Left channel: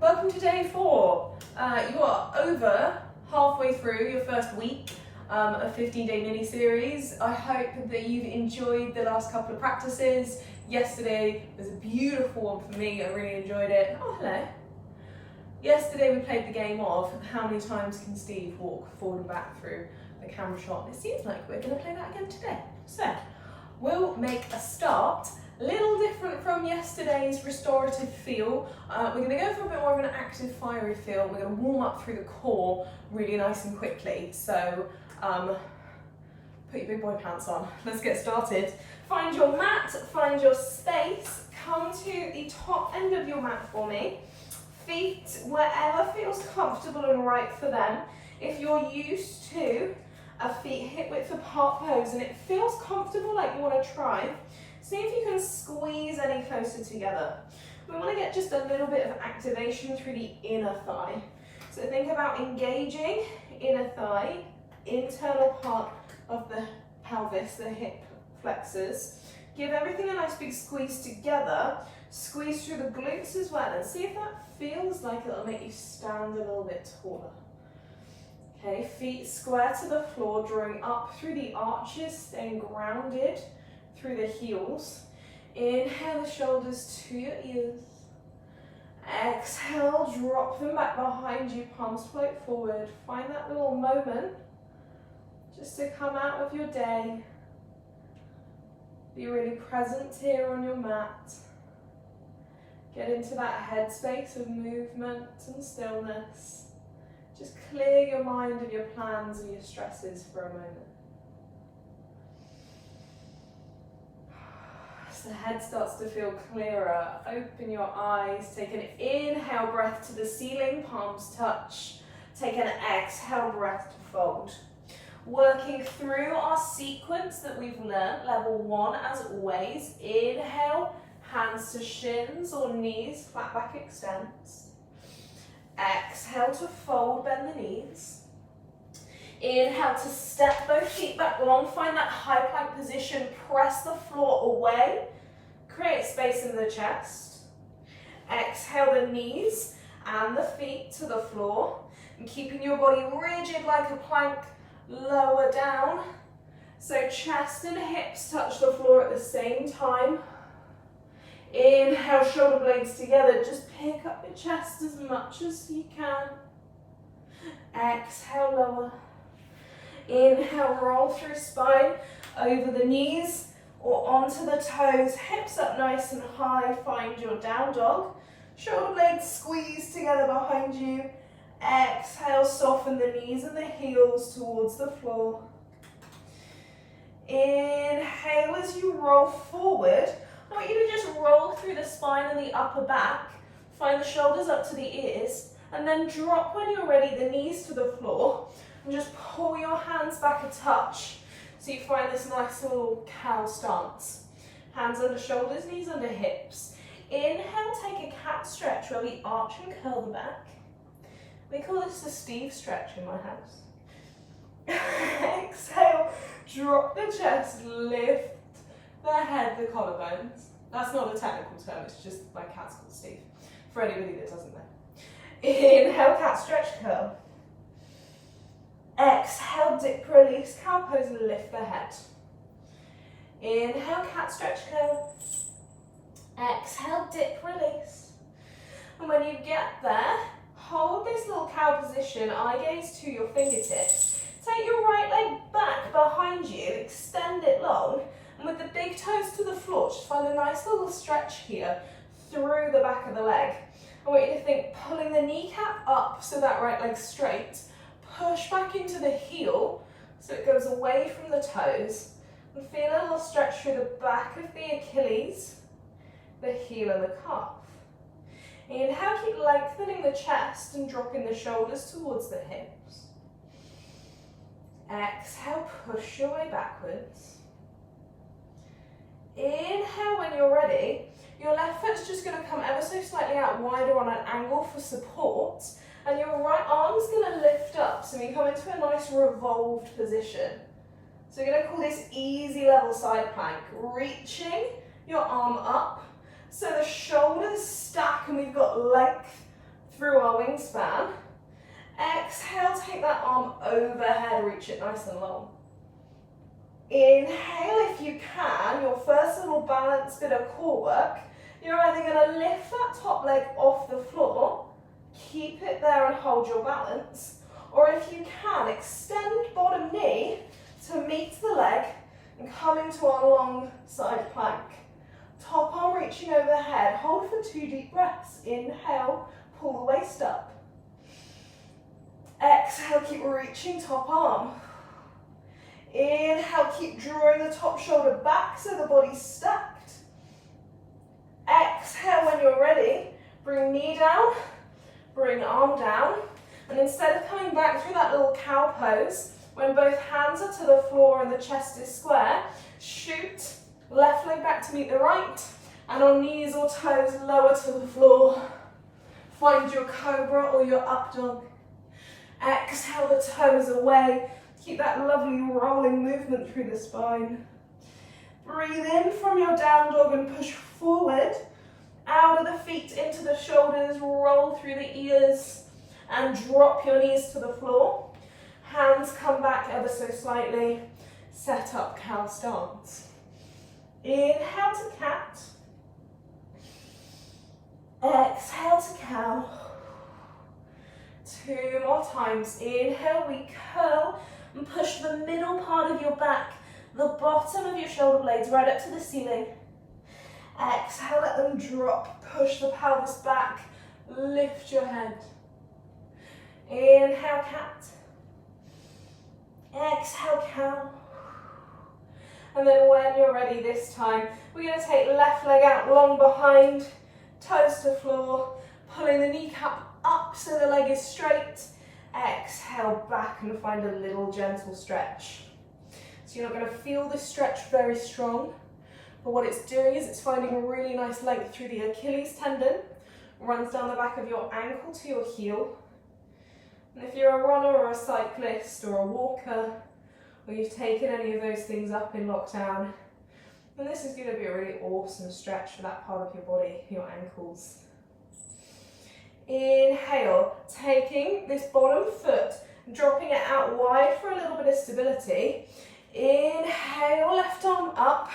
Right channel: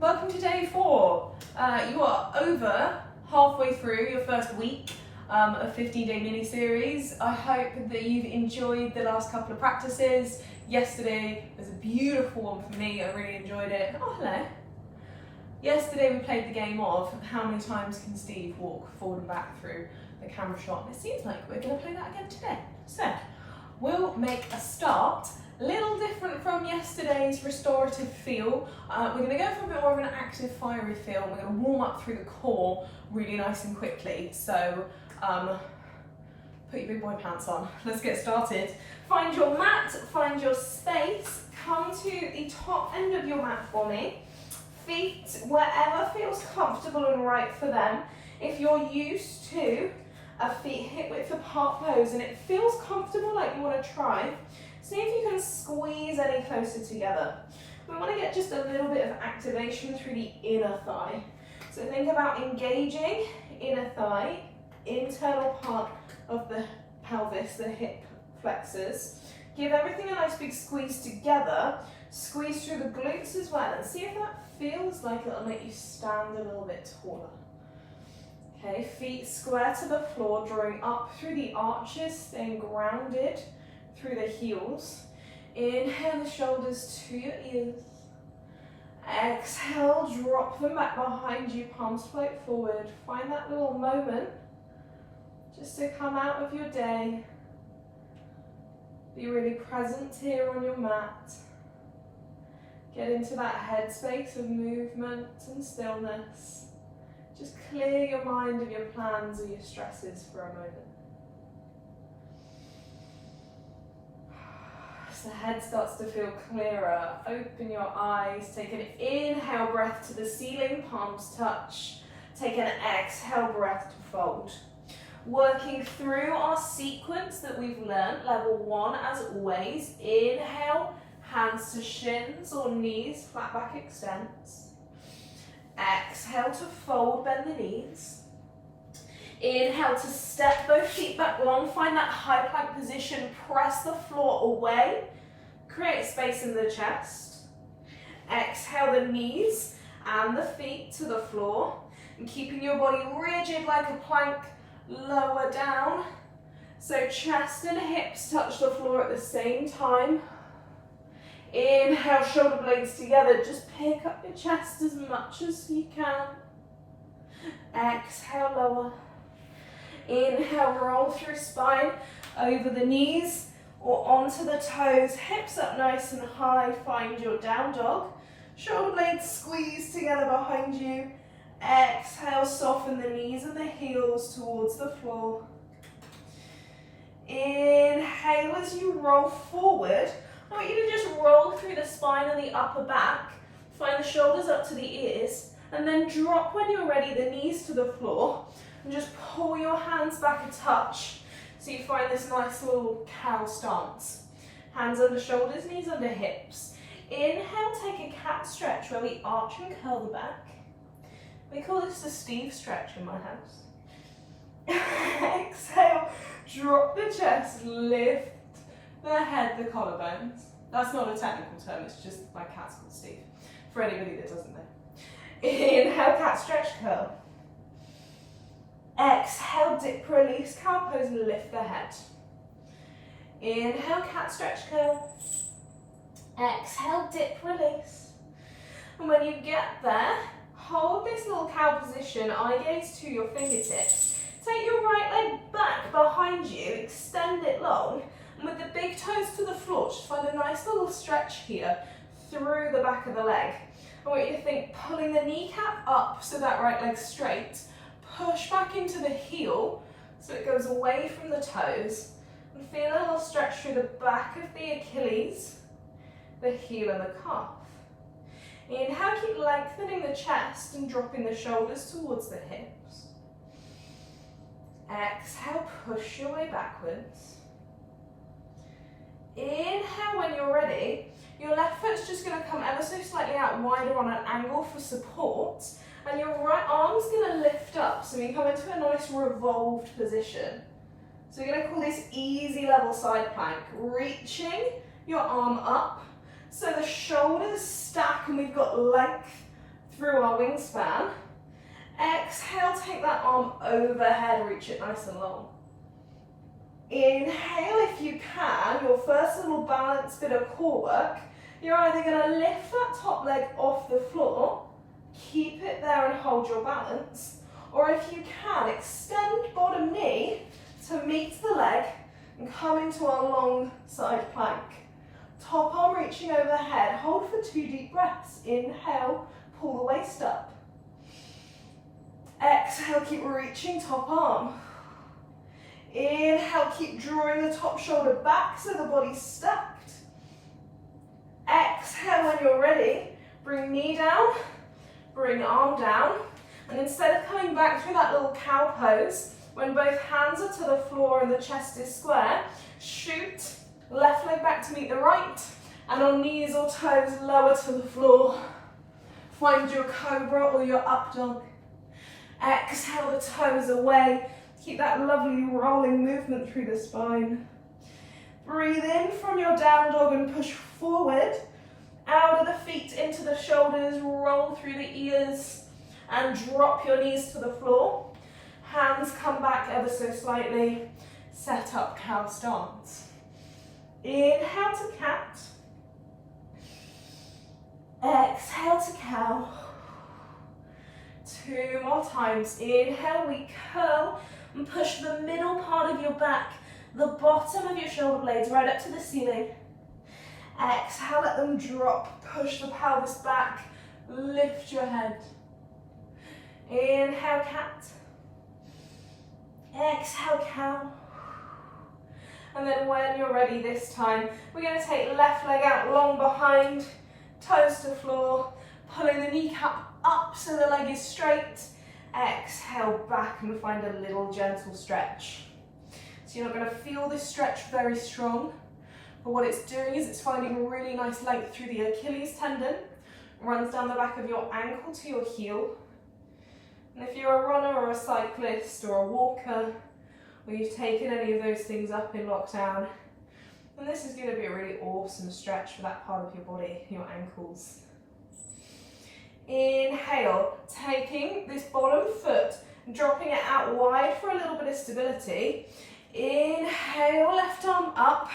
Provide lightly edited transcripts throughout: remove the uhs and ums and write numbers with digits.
Welcome to day 4. You are over halfway through your first week of 15-day mini-series. I hope that you've enjoyed the last couple of practices. Yesterday was a beautiful one for me, I really enjoyed it. Oh, hello. Yesterday we played the game of how many times can Steve walk forward and back through the camera shot. And it seems like we're going to play that again today. So, we'll make a start. A little different from yesterday's restorative feel. We're going to go for a bit more of an active, fiery feel. We're going to warm up through the core really nice and quickly. So, put your big boy pants on. Let's get started. Find your mat, find your space. Come to the top end of your mat for me. Feet wherever feels comfortable and right for them. If you're used to a feet hip width apart pose and it feels comfortable like you want to try, see if you can squeeze any closer together. We want to get just a little bit of activation through the inner thigh. So think about engaging inner thigh, internal part of the pelvis, the hip flexors. Give everything a nice big squeeze together. Squeeze through the glutes as well and see if that feels like it'll make you stand a little bit taller. Okay, feet square to the floor, drawing up through the arches, staying grounded through the heels. Inhale the shoulders to your ears. Exhale, drop them back behind you, palms float forward. Find that little moment just to come out of your day. Be really present here on your mat. Get into that headspace of movement and stillness. Just clear your mind of your plans and your stresses for a moment. As the head starts to feel clearer, open your eyes. Take an inhale breath to the ceiling, palms touch. Take an exhale breath to fold. Working through our sequence that we've learned, level 1 as always. Inhale, hands to shins or knees, flat back extends. Exhale to fold, bend the knees. Inhale to step both feet back long, find that high plank position, press the floor away, create space in the chest. Exhale the knees and the feet to the floor, and keeping your body rigid like a plank, lower down. So chest and hips touch the floor at the same time. Inhale, shoulder blades together, just pick up your chest as much as you can. Exhale, lower. Inhale, roll through spine, over the knees or onto the toes, hips up nice and high, find your down dog. Shoulder blades squeeze together behind you. Exhale, soften the knees and the heels towards the floor. Inhale as you roll forward. I want you to just roll through the spine and the upper back. Find the shoulders up to the ears and then drop when you're ready the knees to the floor. And just pull your hands back a touch so you find this nice little cow stance. Hands under shoulders, knees under hips. Inhale, take a cat stretch where we arch and curl the back. We call this the Steve stretch in my house. Exhale, drop the chest, lift the head, the collarbones. That's not a technical term, it's just my cat's called Steve, for anybody that doesn't know. Inhale, cat stretch, curl. Exhale, dip, release, cow pose, and lift the head. Inhale, cat stretch, curl. Exhale, dip, release. And when you get there, hold this little cow position, eye gaze to your fingertips. Take your right leg back behind you, extend it long, and with the big toes to the floor, just find a nice little stretch here through the back of the leg. I want you to think pulling the kneecap up so that right leg's straight, push back into the heel so it goes away from the toes, and feel a little stretch through the back of the Achilles, the heel and the calf. Inhale, keep lengthening the chest and dropping the shoulders towards the hips. Exhale, push your way backwards. Inhale when you're ready. Your left foot's just going to come ever so slightly out wider on an angle for support, and your right arm's going to lift up, so we come into a nice revolved position. So we're going to call this easy level side plank, reaching your arm up, so the shoulders stack and we've got length through our wingspan. Exhale, take that arm overhead, reach it nice and long. Inhale if you can, your first little balance bit of core work. You're either going to lift that top leg off the floor, keep it there and hold your balance, or if you can, extend bottom knee to meet the leg and come into our long side plank. Top arm reaching overhead, hold for 2 deep breaths. Inhale, pull the waist up. Exhale, keep reaching top arm. Inhale, keep drawing the top shoulder back so the body's stacked. Exhale when you're ready, bring knee down, bring arm down, and instead of coming back through that little cow pose, when both hands are to the floor and the chest is square, shoot left leg back to meet the right, and on knees or toes lower to the floor. Find your cobra or your up dog. Exhale the toes away. Keep that lovely rolling movement through the spine. Breathe in from your down dog and push forward. Out of the feet into the shoulders, roll through the ears and drop your knees to the floor. Hands come back ever so slightly. Set up cow stance. Inhale to cat. Exhale to cow. 2 more times. Inhale, we curl and push the middle part of your back, the bottom of your shoulder blades right up to the ceiling. Exhale, let them drop. Push the pelvis back. Lift your head. Inhale, cat. Exhale, cow. And then when you're ready this time, we're going to take left leg out long behind, toes to floor, pulling the kneecap up so the leg is straight. Exhale back and find a little gentle stretch. So you're not going to feel this stretch very strong, but what it's doing is it's finding a really nice length through the Achilles tendon, runs down the back of your ankle to your heel. And if you're a runner or a cyclist or a walker, or you've taken any of those things up in lockdown, then this is going to be a really awesome stretch for that part of your body, your ankles. Inhale, taking this bottom foot, dropping it out wide for a little bit of stability. Inhale, left arm up,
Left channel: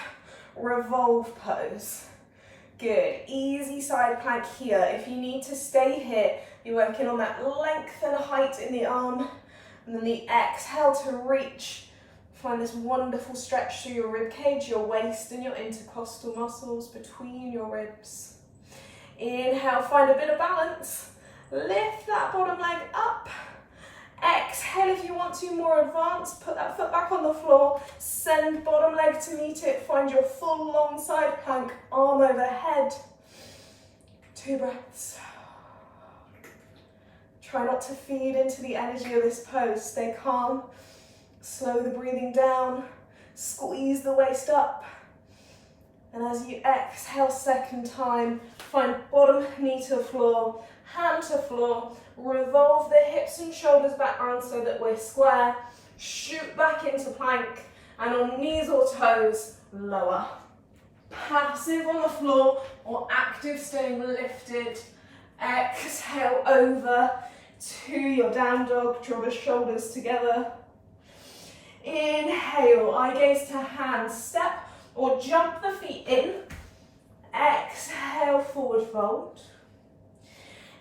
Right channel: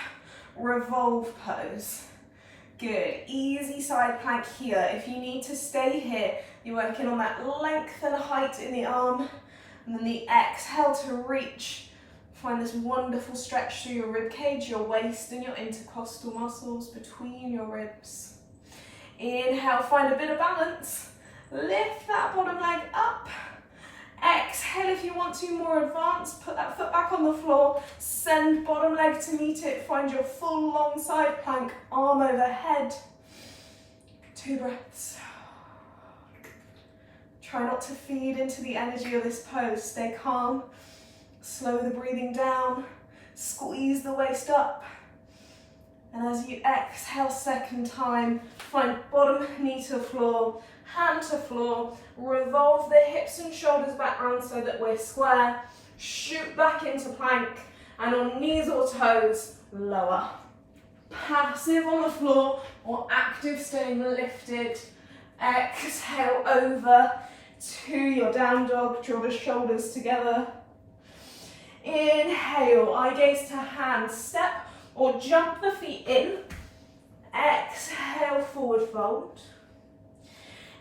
revolve pose. Good, easy side plank here. If you need to stay here, you're working on that length and height in the arm, and then the exhale to reach. Find this wonderful stretch through your rib cage, your waist, and your intercostal muscles between your ribs. Inhale, find a bit of balance. Lift that bottom leg up. Exhale if you want to, more advanced. Put that foot back on the floor. Send bottom leg to meet it. Find your full long side plank, arm overhead. 2 breaths. Try not to feed into the energy of this pose. Stay calm. Slow the breathing down. Squeeze the waist up. And as you exhale second time, find bottom knee to floor, hand to floor, revolve the hips and shoulders back round so that we're square, shoot back into plank, and on knees or toes, lower. Passive on the floor or active staying lifted. Exhale over to your down dog, draw the shoulders together. Inhale, eye gaze to hand, step or jump the feet in. Exhale, forward fold.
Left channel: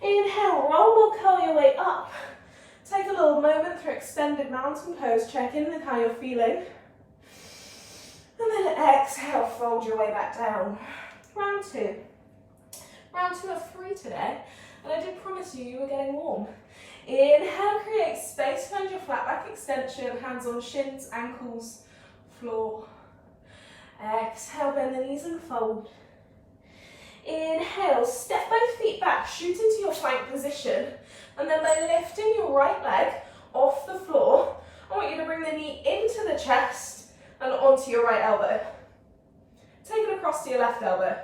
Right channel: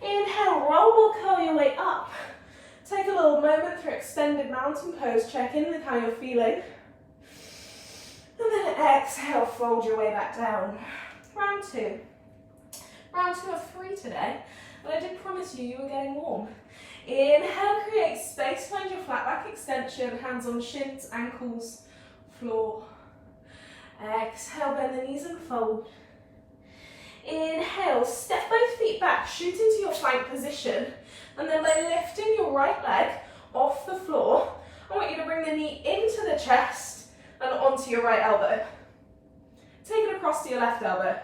Inhale, roll or curl your way up. Take a little moment for extended mountain pose. Check in with how you're feeling. And then exhale, fold your way back down. Round 2. Round 2 of 3 today. And I did promise you were getting warm. Inhale, create space. Find your flat back extension. Hands on shins, ankles, floor. Exhale, bend the knees and fold. Inhale, step both feet back, shoot into your plank position, and then by lifting your right leg off the floor, I want you to bring the knee into the chest and onto your right elbow. Take it across to your left elbow.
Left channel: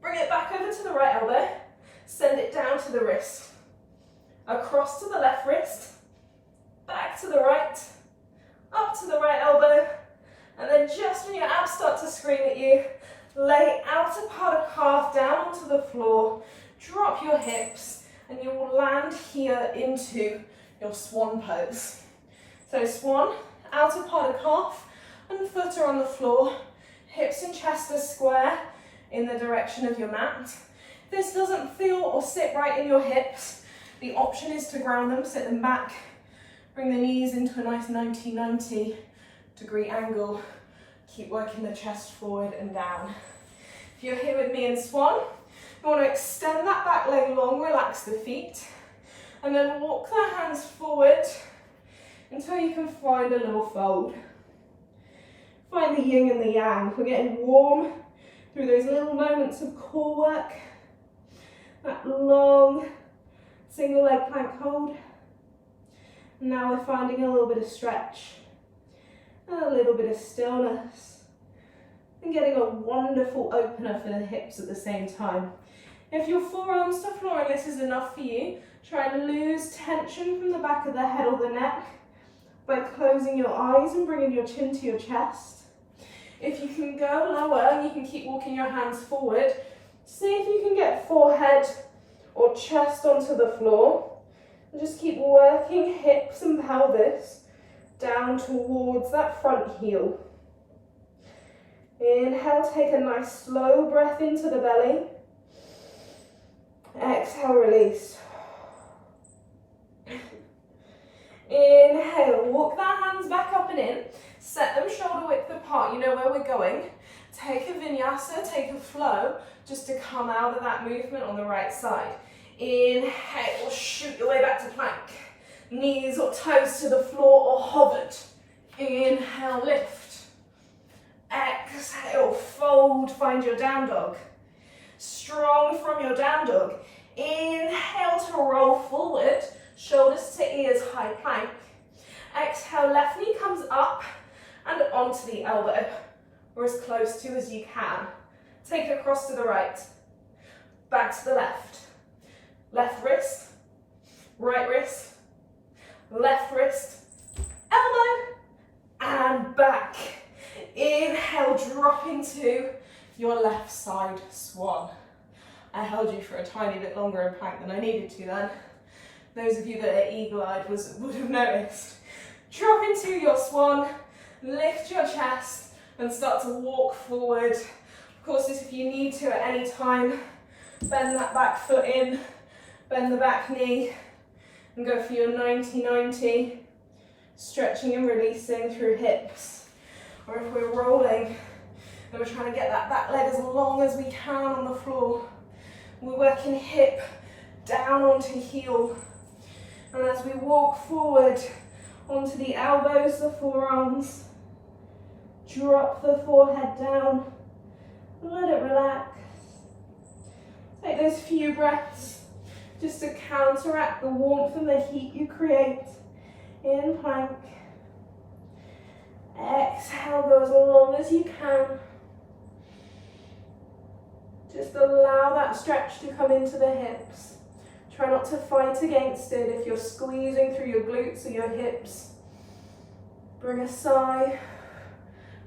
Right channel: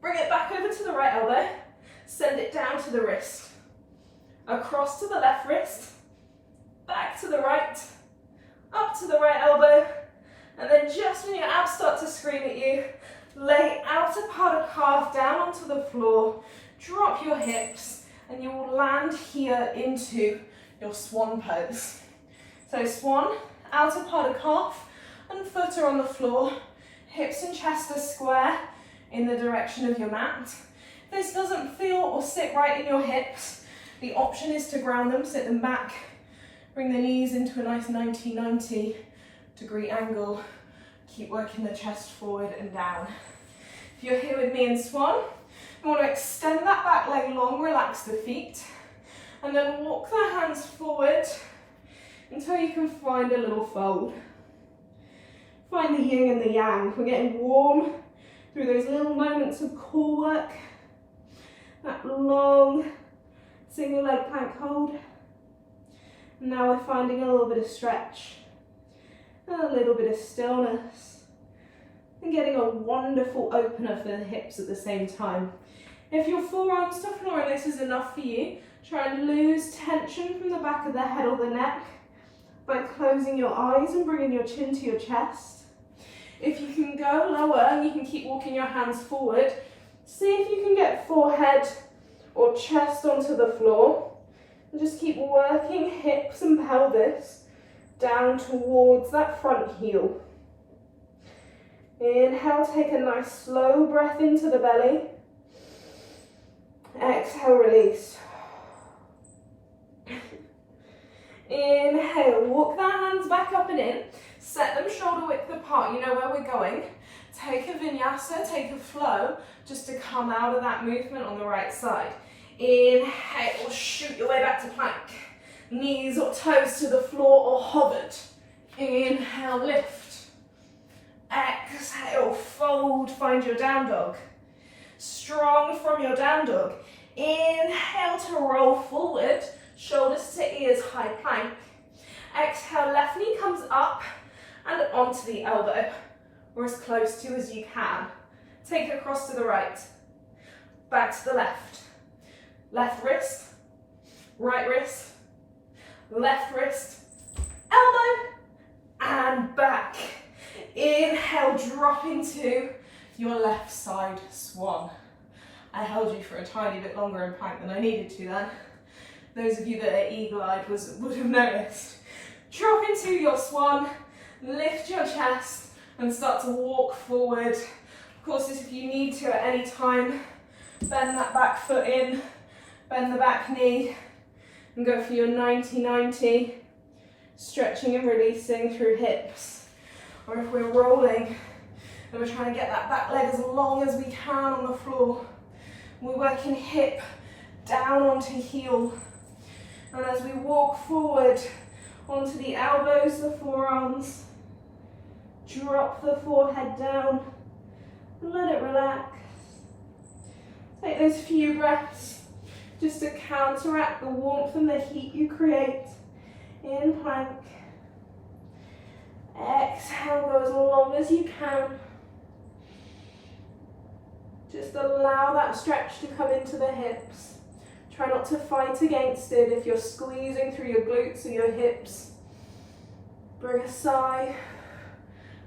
Bring it back over to the right elbow, send it down to the wrist. Across to the left wrist, back to the right, up to the right elbow, and then just when your abs start to scream at you, lay outer part of calf down onto the floor, drop your hips, and you will land here into your swan pose. So swan, outer part of calf and foot are on the floor, hips and chest are square in the direction of your mat. If this doesn't feel or sit right in your hips, the option is to ground them, sit them back, bring the knees into a nice 90 degree angle. Keep working the chest forward and down. If you're here with me in swan, you want to extend that back leg long, relax the feet, and then walk the hands forward until you can find a little fold. Find the yin and the yang. We're getting warm through those little moments of core work. That long single leg plank hold. And now we're finding a little bit of stretch, a little bit of stillness, and getting a wonderful opener for the hips at the same time. If your forearms to floor and this is enough for you, try and lose tension from the back of the head or the neck by closing your eyes and bringing your chin to your chest. If you can go lower and you can keep walking your hands forward, see if you can get forehead or chest onto the floor. And just keep working hips and pelvis down towards that front heel. Inhale, take a nice slow breath into the belly. Exhale, release. Inhale, walk the hands back up and in. Set them shoulder width apart, you know where we're going. Take a vinyasa, take a flow, just to come out of that movement on the right side. Inhale, shoot your way back to plank. Knees or toes to the floor or hovered. Inhale, lift. Exhale, fold, find your down dog. Strong from your down dog. Inhale to roll forward, shoulders to ears, high plank. Exhale, left knee comes up and onto the elbow, or as close to as you can. Take it across to the right, back to the left. Left wrist, right wrist, left wrist, elbow, and back. Inhale, drop into your left side swan. I held you for a tiny bit longer in plank than I needed to then. Those of you that are eagle-eyed would have noticed. Drop into your swan, lift your chest, and start to walk forward. Of course, if you need to at any time, bend that back foot in, bend the back knee, and go for your 90-90, stretching and releasing through hips. Or if we're rolling, and we're trying to get that back leg as long as we can on the floor, we're working hip down onto heel. And as we walk forward onto the elbows, the forearms, drop the forehead down, and let it relax. Take those few breaths just to counteract the warmth and the heat you create in plank. Exhale, go as long as you can. Just allow that stretch to come into the hips. Try not to fight against it. If you're squeezing through your glutes or your hips, bring a sigh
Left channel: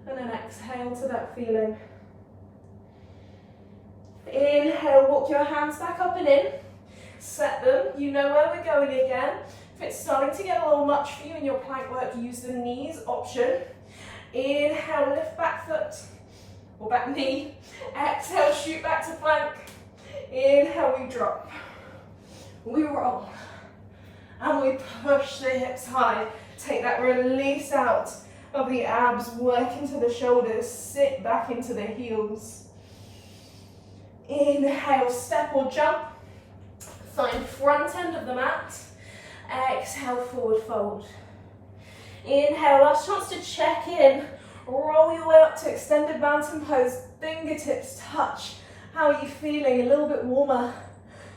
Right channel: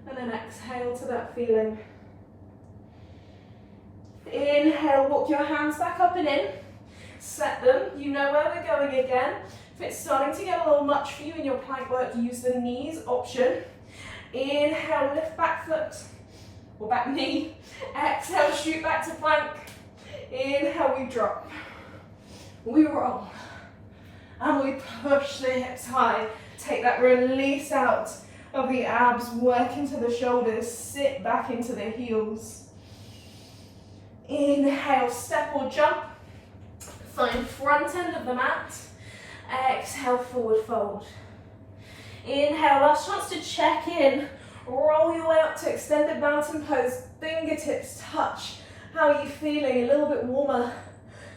and an exhale to that feeling. Inhale, walk your hands back up and in. Set them, you know where we're going again. If it's starting to get a little much for you in your plank work, use the knees option. Inhale, lift back foot or back knee. Exhale, shoot back to plank. Inhale, we drop. We roll. And we push the hips high. Take that release out of the abs, work into the shoulders, sit back into the heels. Inhale, step or jump. Find front end of the mat. Exhale, forward fold. Inhale, last chance to check in. Roll your way up to extended mountain pose. Fingertips touch. How are you feeling? A little bit warmer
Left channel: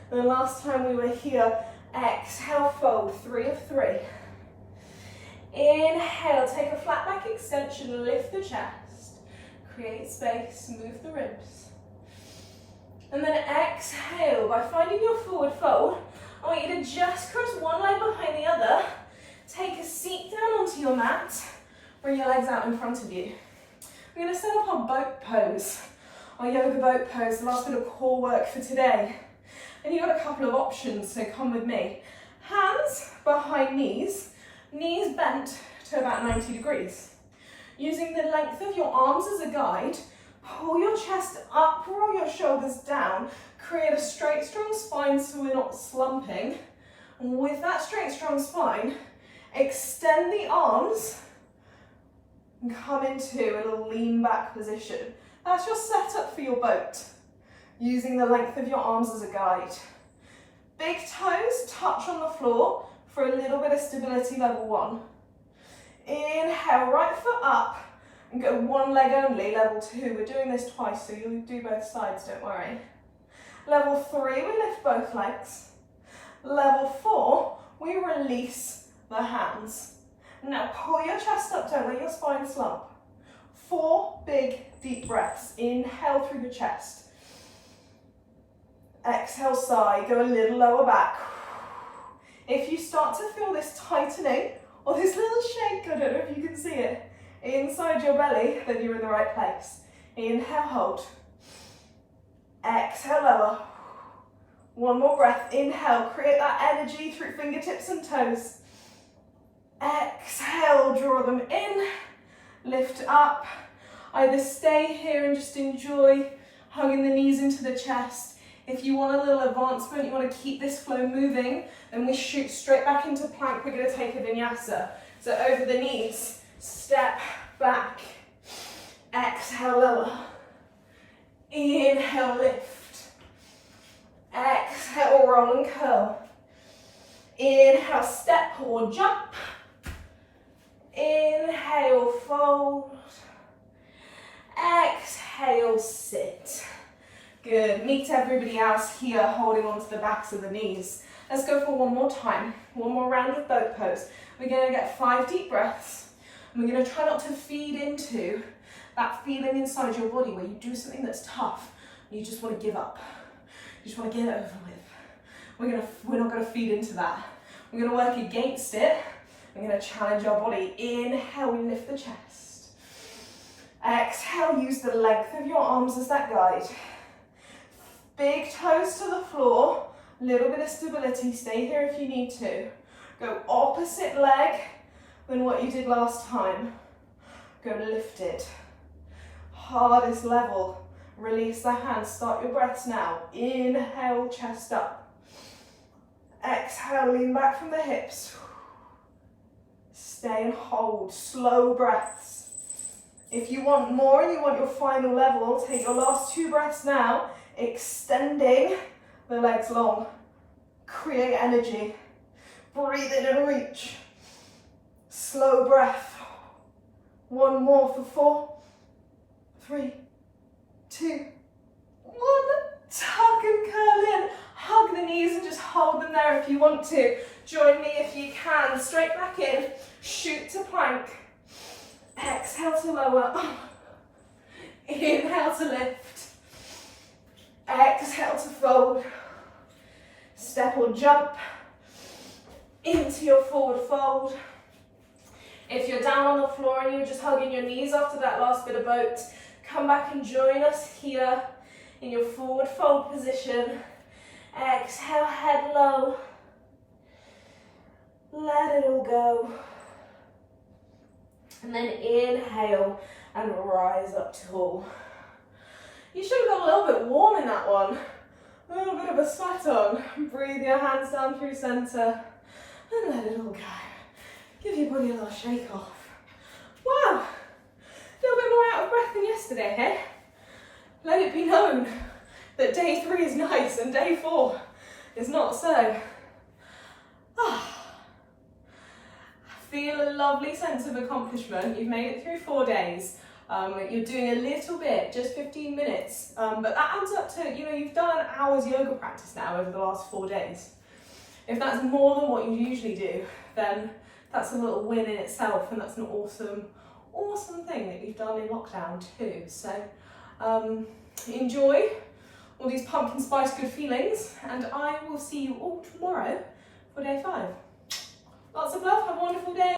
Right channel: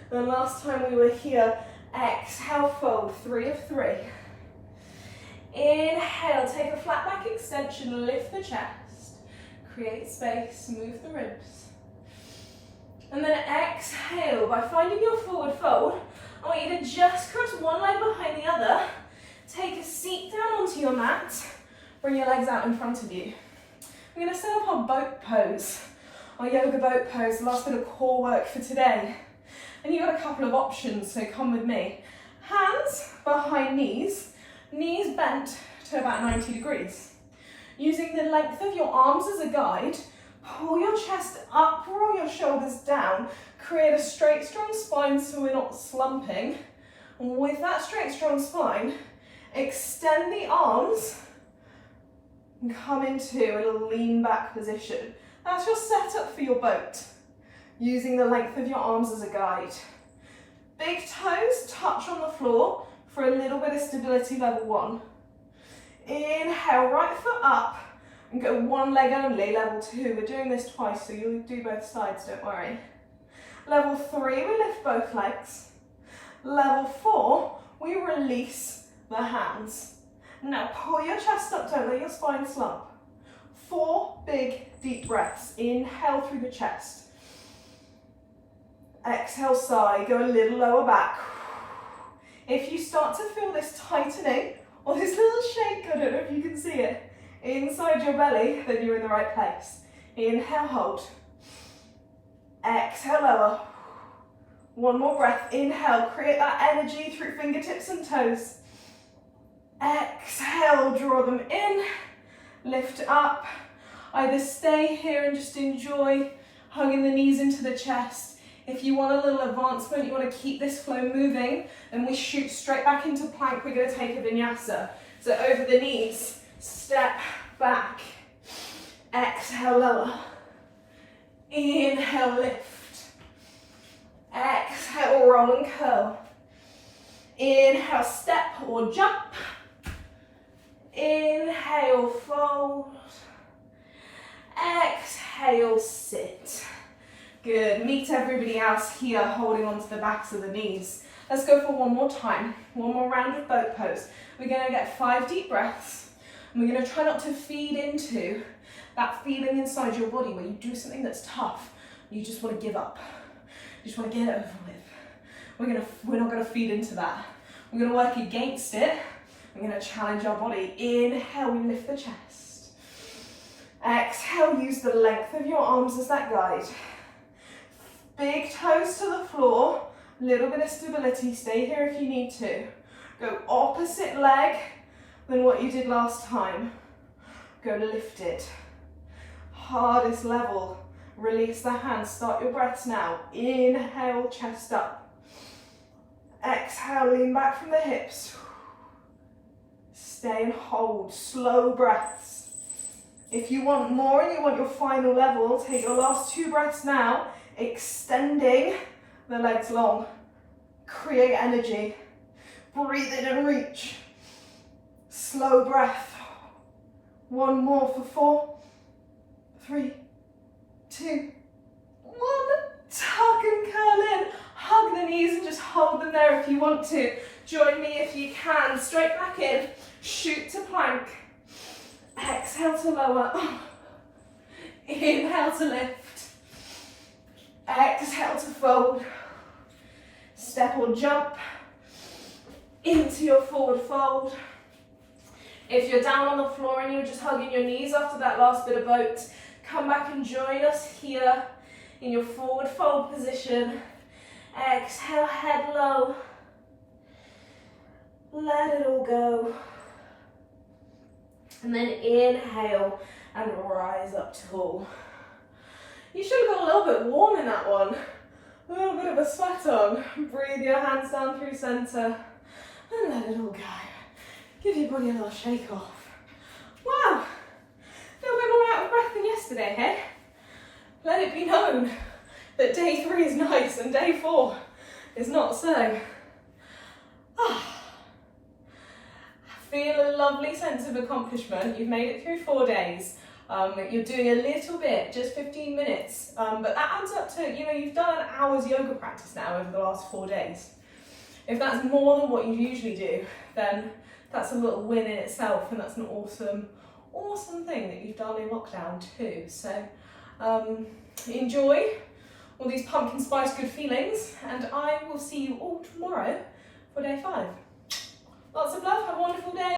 than last time we were here. Exhale, fold, 3 of 3. Inhale, take a flat back extension, lift the chest. Create space, move the ribs. And then exhale, by finding your forward fold, I want you to just cross one leg behind the other. Take a seat down onto your mat. Bring your legs out in front of you. We're going to set up our boat pose, our yoga boat pose, the last bit of core work for today. And you've got a couple of options, so come with me. Hands behind knees, knees bent to about 90 degrees. Using the length of your arms as a guide, pull your chest up, roll your shoulders down, create a straight, strong spine so we're not slumping. And with that straight, strong spine, extend the arms and come into a little lean back position. That's your setup for your boat, using the length of your arms as a guide. Big toes touch on the floor for a little bit of stability, level 1. Inhale, right foot up and go one leg only, level 2. We're doing this twice, so you'll do both sides, don't worry. Level 3, we lift both legs. Level 4, we release the hands. Now pull your chest up, don't let your spine slump. 4 big deep breaths. Inhale through the chest. Exhale, sigh, go a little lower back. If you start to feel this tightening or this little shake, I don't know if you can see it, inside your belly, then you're in the right place. Inhale, hold. Exhale, lower. One more breath. Inhale, create that energy through fingertips and toes. Exhale, draw them in, lift up. Either stay here and just enjoy hugging the knees into the chest. If you want a little advancement, you want to keep this flow moving, then we shoot straight back into plank. We're going to take a vinyasa. So over the knees, step back. Exhale, lower. Inhale, lift. Exhale, roll and curl. Inhale, step or jump. Inhale, fold. Exhale, sit. Good. Meet everybody else here holding onto the backs of the knees. Let's go for one more time. One more round of boat pose. We're going to get 5 deep breaths. And we're going to try not to feed into that feeling inside your body where you do something that's tough. You just want to give up. You just want to get it over with. We're not going to feed into that. We're going to work against it. We're going to challenge our body. Inhale, we lift the chest. Exhale, use the length of your arms as that guide. Big toes to the floor, little bit of stability. Stay here if you need to. Go opposite leg than what you did last time. Go lifted. Hardest level. Release the hands. Start your breaths now. Inhale, chest up. Exhale, lean back from the hips. Stay and hold. Slow breaths. If you want more and you want your final level, take your last 2 breaths now. Extending the legs long. Create energy. Breathe in and reach. Slow breath. One more for 4, 3, 2, 1. Tuck and curl in. Hug the knees and just hold them there if you want to. Join me if you can. Straight back in. Shoot to plank. Exhale to lower. Inhale to lift. Exhale to fold. Step or jump into your forward fold. If you're down on the floor and you're just hugging your knees after that last bit of boat, come back and join us here in your forward fold position. Exhale, head low. Let it all go. And then inhale and rise up tall. You should have got a little bit warm in that one. A little bit of a sweat on. Breathe your hands down through center and let it all go. Give your body a little shake off. Wow, a little bit more out of breath than yesterday, hey? Let it be known that day 3 is nice and day 4 is not so. Feel a lovely sense of accomplishment. You've made it through 4 days. You're doing a little bit, just 15 minutes, but that adds up to, you've done an hour's yoga practice now over the last 4 days. If that's more than what you usually do, then that's a little win in itself, and that's an awesome thing that you've done in lockdown too. So enjoy all these pumpkin spice good feelings, and I will see you all tomorrow for day 5. Lots of love, have a wonderful day.